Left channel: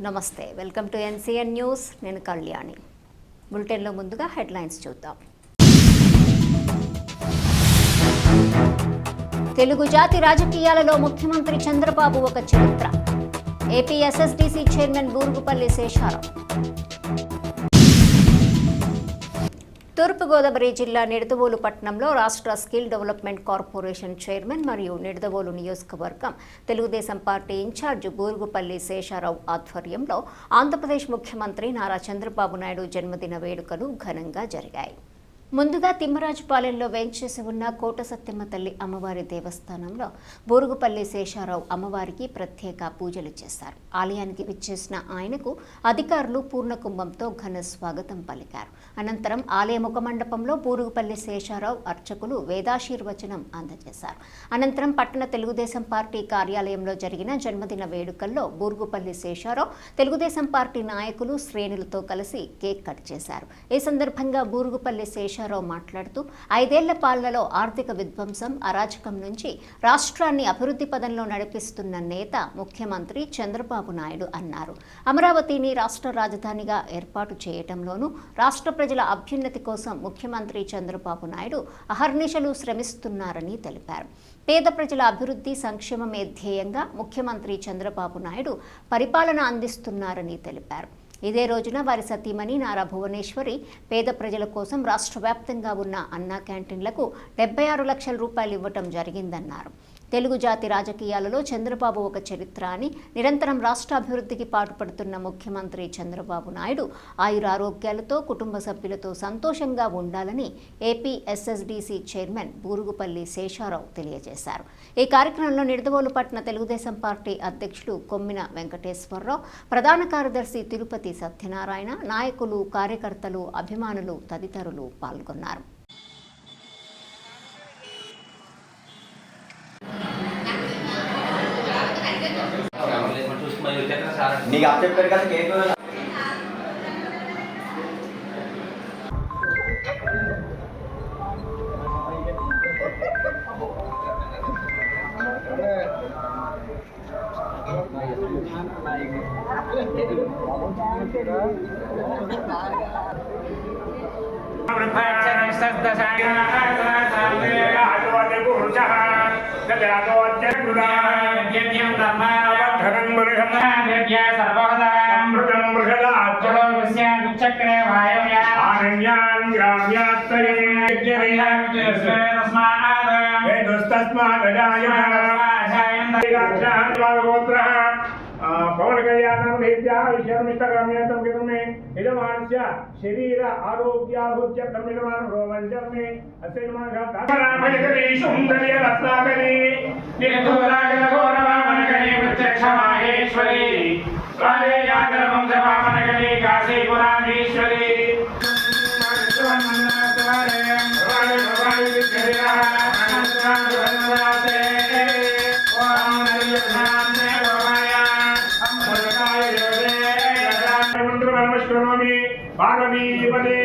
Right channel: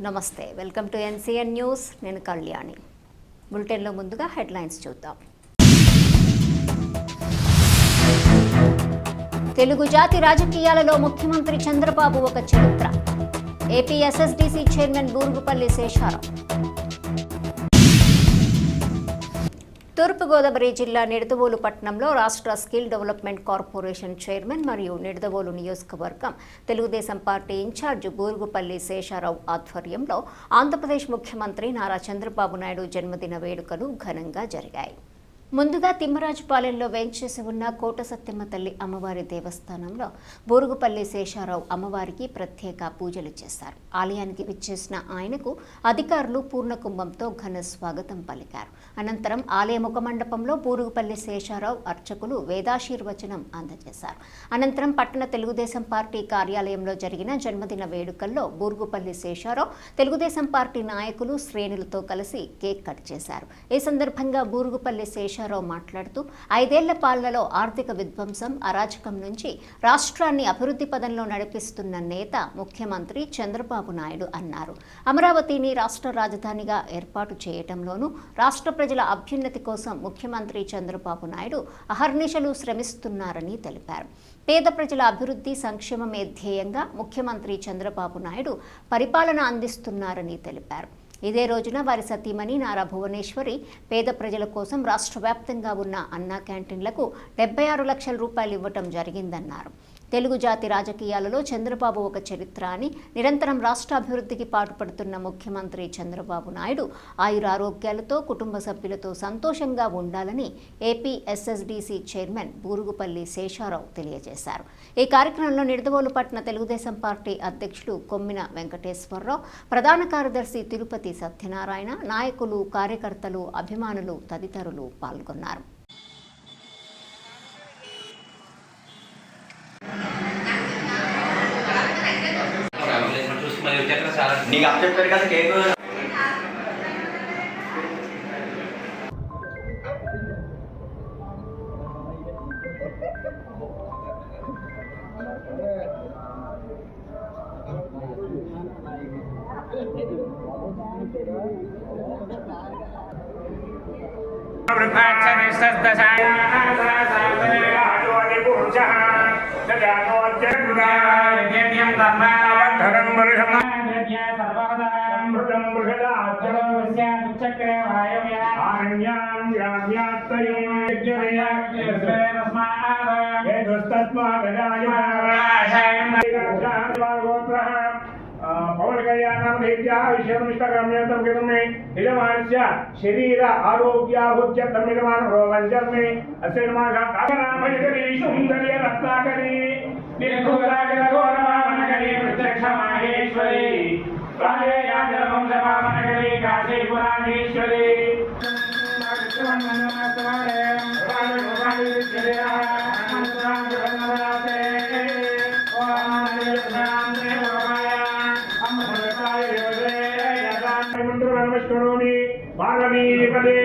నమస్తే, welcome to NCN news. నేను కళ్యాణి. బులెటిన్లో ముందుగా హెడ్లైన్స్ చూద్దాం. తెలుగు జాతి రాజకీయాలలో ముఖ్యమంత్రి చంద్రబాబు ఒక చరిత్ర. AP SSDC chairman Burugupalli Sesharao. Thurpu Godavari జిల్లా నిడదవోలు పట్టణంలో రాష్ట్ర స్కిల్ డెవలప్మెంట్ కార్పొరేషన్ చైర్మన్ మరియు నిడదవోలు నియోజకవర్గం తెలుగుదేశం పార్టీ ఇన్ఛార్జ్ బూరుగుపల్లి శేషారావు ఆధ్వర్యంలో ఆంధ్రప్రదేశ్ ముఖ్యమంత్రి నారా చంద్రబాబు నాయుడు జన్మదిన వేడుకలు ఘనంగా జరిగాయి. ముందుగా తిమ్మరాజుపాలెంలో వేంచేసి ఉన్న కోట సత్యమ్మ తల్లి అమ్మవారి దేవస్థానంలో బూరుగుపల్లి శేషారావు అమ్మవారికి ప్రత్యేక పూజలు చేశారు. ఆలయానికి విచ్చేసిన ఆయనకు అధికారులు పూర్ణకుంభంతో ఘన స్వాగతం పలికారు. అనంతరం ఆలయ ముఖమండపంలో బూరుగుపల్లి శేషారావు అర్చకులు వేదాశీర్వచనం అందజేశారు. అనంతరం పట్టణ తెలుగుదేశం పార్టీ కార్యాలయంలో జరిగిన జన్మదిన వేడుకల్లో బూరుగుపల్లి శేషారావు తెలుగుదేశం పార్టీ నాయకులు శ్రేణులతో కలిసి కేక్ కట్ చేశారు. ఈ సందర్భంగా బూరుగుపల్లి శేషారావు మాట్లాడుతూ 5 ఏళ్ల పాలనలో ఆర్థిక విధ్వంసం, అరాచకం నుంచి రాష్ట్రాన్ని అభివృద్ధి పదంలో నడిపిస్తున్న నేత ముఖ్యమంత్రి చంద్రబాబు నాయుడు అన్నారు. అమరావతిని రాష్ట్ర రాజధానిగా ఏర్పాటు చేయటంలోనూ రాష్ట్ర ప్రజల అభ్యున్నతి కోసం ముఖ్యమంత్రి చంద్రబాబు నాయుడు అహర్నిశలు శ్రమిస్తున్నారని తెలిపారు. పేద ప్రజల అభివృద్ధి సంక్షేమమే ధ్యేయంగా ముఖ్యమంత్రి చంద్రబాబు నాయుడు పరిపాలన అందిస్తున్నారని తెలిపారు. ఇదే రోజున వారి సతీమణి నారా భువనేశ్వరి పేద ప్రజల కోసం రాష్ట్ర వ్యాప్తంగా ఉన్న అన్నా క్యాంటీన్లకు 76 లక్షల రూపాయలు ఇవ్వటం జరిగిందన్నారు. తెలుగు జాతి రాజకీయాలలో చంద్రబాబు ఒక చరిత్ర అని, నిరంతరం రాష్ట్ర అభివృద్ధికి పాటుపడుతున్న ముఖ్యమంత్రి చంద్రబాబు నాయుడు ఆయురారోగ్యాలతో కుటుంబ సభ్యులతో సంతోషంగా ఉండాలని AP SSDC chairman Burugupalli Sesha Rao తెలియజేశారు. ఈ కార్యక్రమంలో నిడదవోలు పట్టణ తెలుగుదేశం పార్టీ అధ్యక్షులు కొమ్మిన వెంకటేశ్వరరావు, ప్రధాన కార్యదర్శి తిరుపతి సత్యనారాయణ, నాయకులు, కార్యకర్తలు, అభిమానులు తదితరులు పాల్గొన్నారు. నీకు అప్డేట్ పెట్టి కదా కేక్ పవన్ కళ్యాణం యజమానస్య శరీర ఆరోగ్యాభుజ్యర్థం యజమాన రోవంచర్మే అస్య యజమానరామయకరీ సౌందర్య రత్నాకరీ నిర్ఘోరాజఘోరవామనకరీ ప్రత్యక్షమాహేశ్వరీ కాళేయాగరవంశవామనకరీ కాశీపురాధీశ్వరీ పార్వతీపదే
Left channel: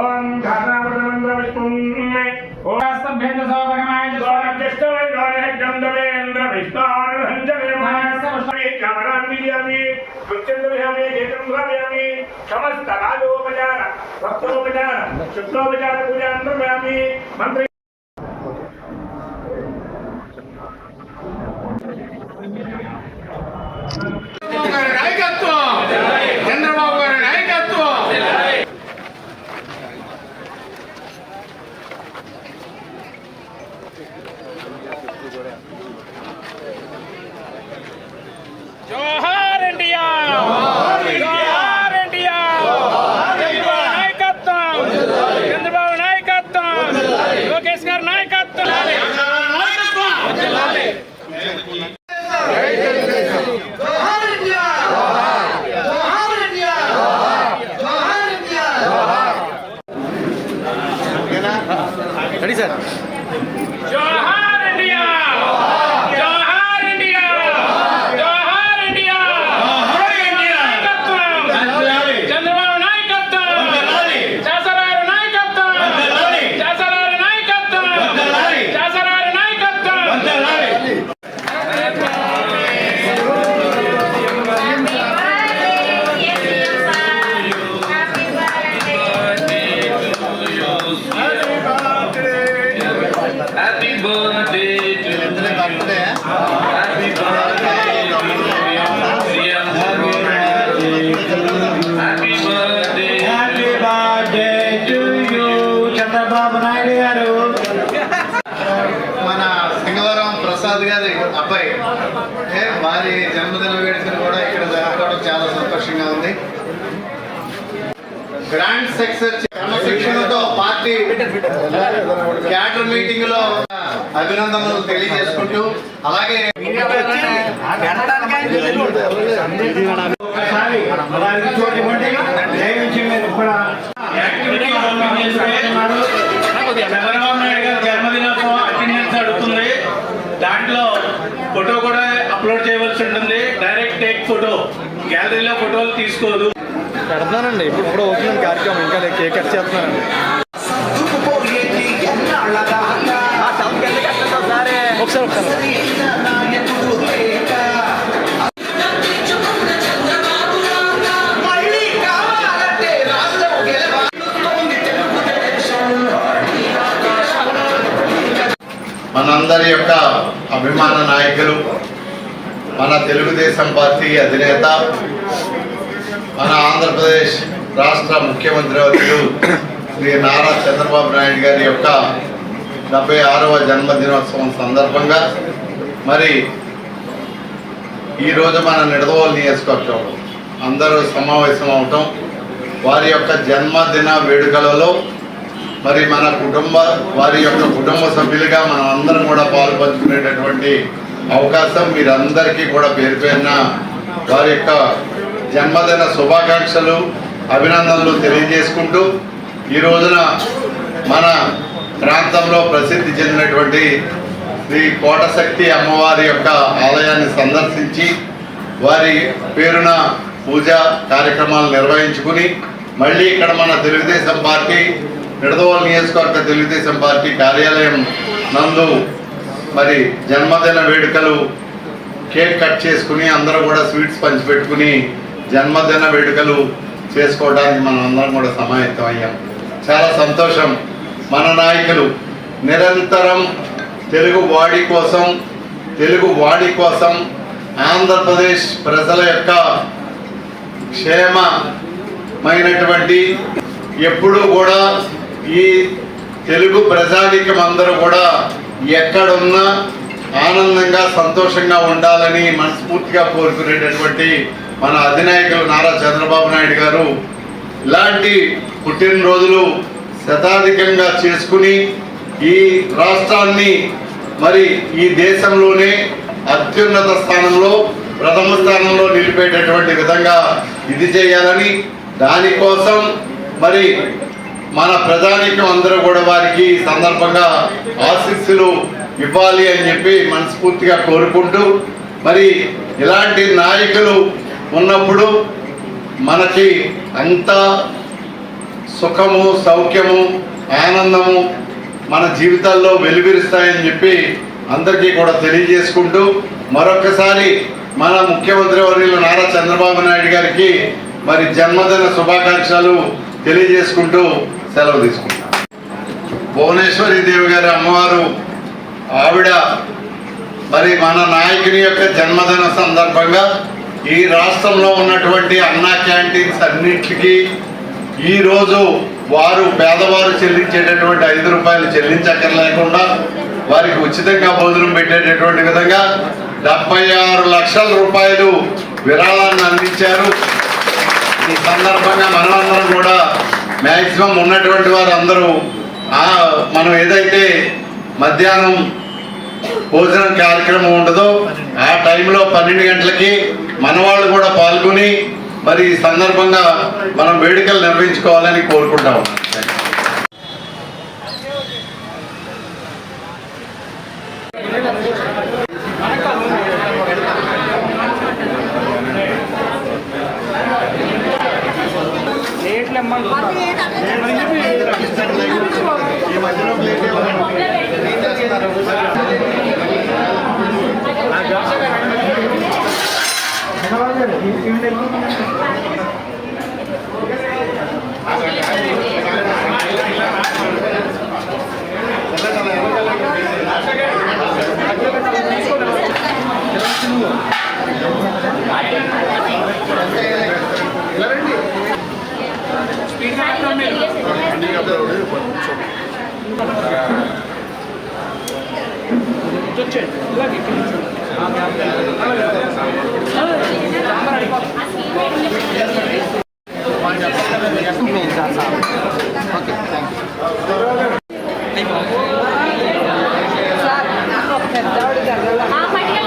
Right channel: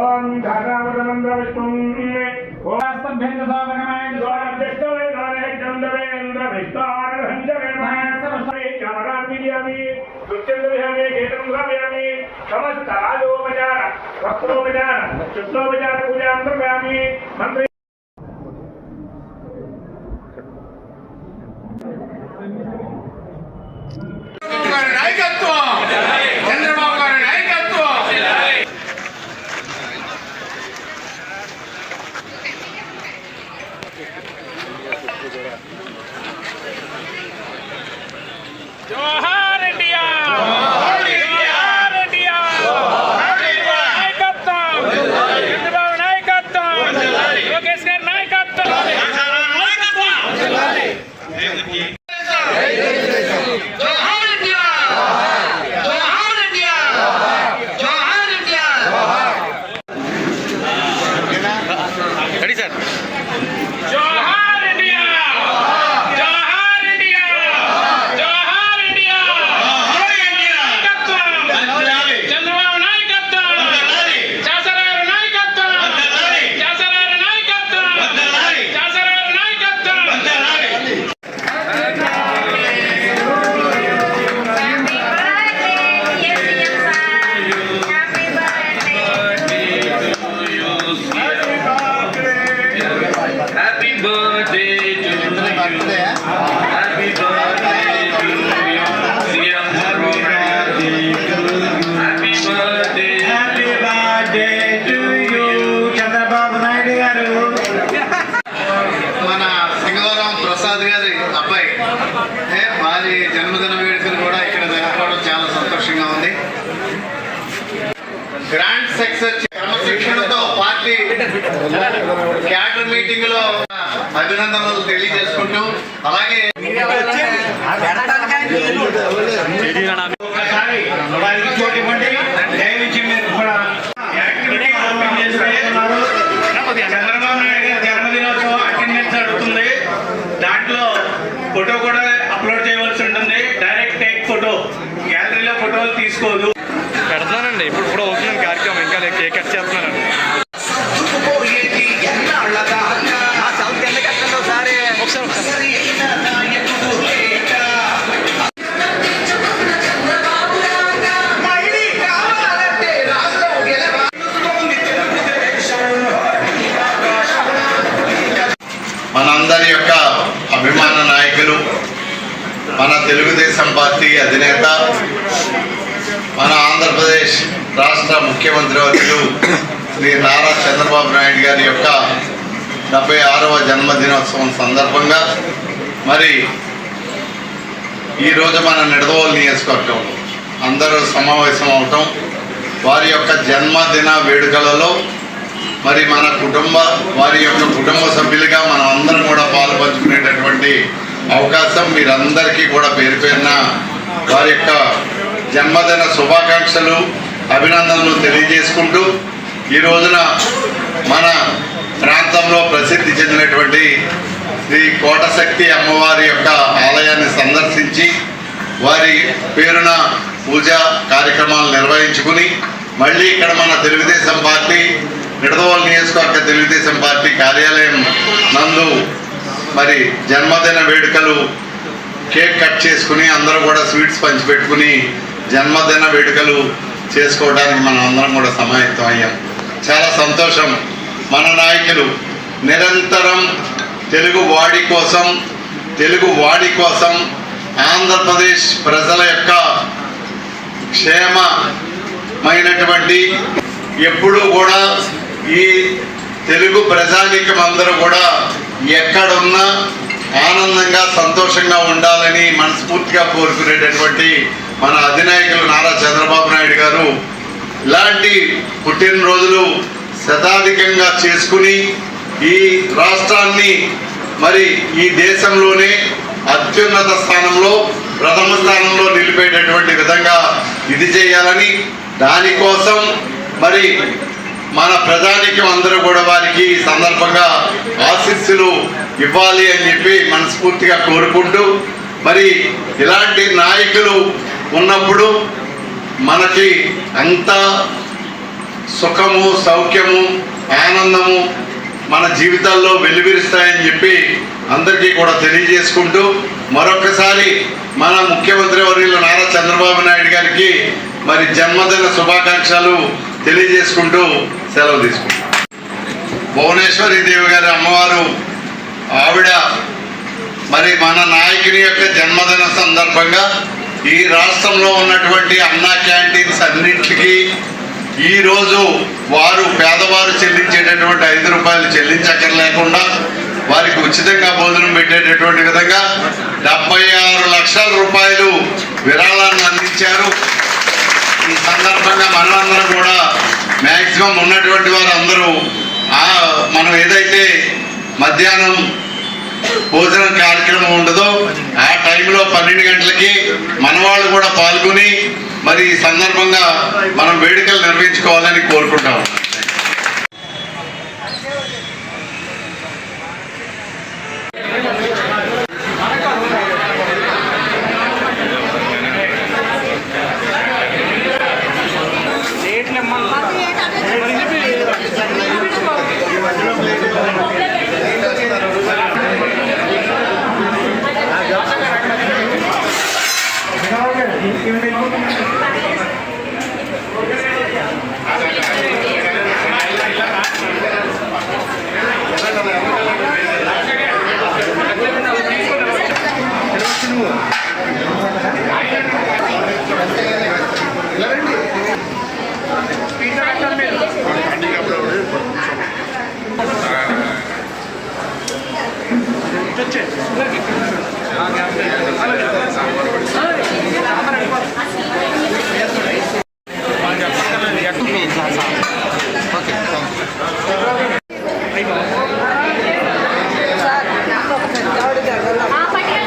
ఓం ధారామృతమంత్ర విష్ణుం ఓస్తభ్యంజ సోభగమాయ స్వాదిష్టవై గోరేంద్ర విష్ణార్హంజవే మహసవశ్రీ కమరాన్వియామి కృత్యంద్రయామి గేతంద్రయామి సమస్త రాజోపచార వస్త్రోపచార శుక్లోపచార పూజాంతర్యామి మంత్రి చంద్రబాబు గారి నాయకత్వం. జోహార్ ఇండియా, జోహార్ ఇండియా, నాయకత్వం చంద్రబాబు నాయకత్వం, లోకేష్ గారి నాయకత్వం. birthday to you. Happy birthday to you. Happy birthday. Happy birthday to you. Chandrababu Naidu గారు. మన సింగవరం ప్రసాద్ గారి అబ్బాయి వారి జన్మదిన వేడుకలు కూడా ఇక్కడ జరగడం చాలా సంతోషంగా ఉంది. గ్రాండ్ సక్సెస్ క్రమశిక్షణతో పార్టీ క్యాడర్ మీటింగ్ లో అభినందనలు తెలియజేసుకుంటూ అలాగే ఒకసారి దానికి చోటు ఇవ్వండి. దయచేసి మీరు కూడా యాక్టివిటీ ఓపెన్ చేసి వేస్తున్నారు. చంద్రబాబు నాయుడు గారి జన్మదినోత్సవం అటెండెన్స్ అడుగుతుంది. దాంట్లో ఫోటో కూడా అప్లోడ్ చేయవలసి ఉంటుంది. డైరెక్ట్ టేక్ ఫోటో, గ్యాలరీలో ఫోటోలు తీసుకోదు. పెడతానండి. ఇప్పుడు అవుతుందండి కార్యక్రమం. ఇంకా కేక్ కట్ చేస్తున్నానండి. మనందరి యొక్క అభిమాన నాయకులు, మన తెలుగుదేశం పార్టీ అధినేత, మన ఆంధ్రప్రదేశ్ రాష్ట్ర ముఖ్యమంత్రి వర్యులు శ్రీ నారా చంద్రబాబు నాయుడు గారి యొక్క 76వ జన్మదినోత్సవం సందర్భంగా మరి ఈరోజు మన నిడదవోలు నియోజకవర్గం అందరూ సమావేశం అవటం, వారి యొక్క జన్మదిన వేడుకలలో మరి మన వారి యొక్క కుటుంబ సభ్యులుగా మనం అందరం కూడా పాలు పంచుకునేటటువంటి అవకాశం మీరందరికీ కూడా పేరు పేరున వారి యొక్క జన్మదిన శుభాకాంక్షలు, అభినందనలు తెలియజేసుకుంటూ ఈ రోజున మన ప్రాంతంలో ప్రసిద్ధి చెందినటువంటి శ్రీ కోటశక్తి అమ్మవారి యొక్క ఆలయాన్ని సందర్శించి వారి పేరున పూజా కార్యక్రమాలు నిర్వహించుకుని మళ్ళీ ఇక్కడ మన తెలుగుదేశం పార్టీ నిడదవోలు నియోజకవర్గ తెలుగుదేశం పార్టీ కార్యాలయం నందు మరి జన్మదిన వేడుకలు కేక్ కట్ చేసుకుని అందరూ కూడా స్వీట్స్ పంచిపెట్టుకుని జన్మదిన వేడుకలు చేసుకోవడానికి మనం అందరం కూడా సమాయత్తం అయ్యాం. చాలా సంతోషం. మన నాయకులు నిరంతరం తెలుగు వాడి కోసం ఆంధ్రప్రదేశ్ ప్రజల యొక్క క్షేమమైనటువంటి ఎప్పుడూ కూడా ఈ తెలుగు ప్రజానీకం అందరూ కూడా ఎక్కడున్నా ఆనందంగా సంతోషంగా ఉండాలని మనస్ఫూర్తిగా కోరుకునేటటువంటి మన అధినాయకులు నారా చంద్రబాబు నాయుడు గారు ఇలాంటి పుట్టినరోజులు శతాధికంగా చేసుకుని ఈ రాష్ట్రాన్ని మరి ఈ దేశంలోనే అత్యున్నత స్థానంలో ప్రథమ స్థానంలో నిలిపేటటువంటి విధంగా ఇది చేయాలని, దానికోసం మరి మన ప్రజానీకం అందరూ కూడా వారికి ఈ సందర్భంగా ఆశీస్సులు ఇవ్వాలి అని చెప్పి మనస్ఫూర్తిగా కోరుకుంటూ మరి ఇలాంటి నాయకులు ఉన్నప్పుడు మనకి అంత సుఖము, సౌఖ్యము, ఆనందము మన జీవితాల్లో వెలువరిస్తాయని చెప్పి అందరికీ కూడా తెలియజేసుకుంటూ మరొకసారి మన ముఖ్యమంత్రి వర్యులు నారా చంద్రబాబు నాయుడు గారికి మరి జన్మదిన శుభాకాంక్షలు తెలియజేసుకుంటూ సెలవు తీసుకుంటాం. భువనేశ్వరి దేవి గారి అమ్మవారు ఆవిడ మరి మన నాయకుని యొక్క జన్మదిన సందర్భంగా ఈ రాష్ట్రంలో ఉన్నటువంటి అన్నా క్యాంటీన్స్ అన్నింటికి ఈరోజు పేదవారు చెల్లించేటటువంటి 5 రూపాయలు చెల్లించక్కర్లేకుండా వారికి ఉచితంగా భోజనం పెట్టేటటువంటి విధంగా 76 లక్షల రూపాయలు విరాళాన్ని అందించారు. ఈ సందర్భంగా మనమందరం కూడా మ్యాక్సిమం ఉన్నటువంటి వారు అందరూ మనం ఏదైతే మధ్యాహ్నం భోజనం కార్యక్రమం ఉండదో ఆ టైంలో 12 గంటలకి మన వాళ్ళు కూడా పాల్గొని మరి ఈ సందర్భంగా మనం వేడుకలు నిర్వహించుకోవాలని కోరుకుంటాం. ఈ మధ్యలో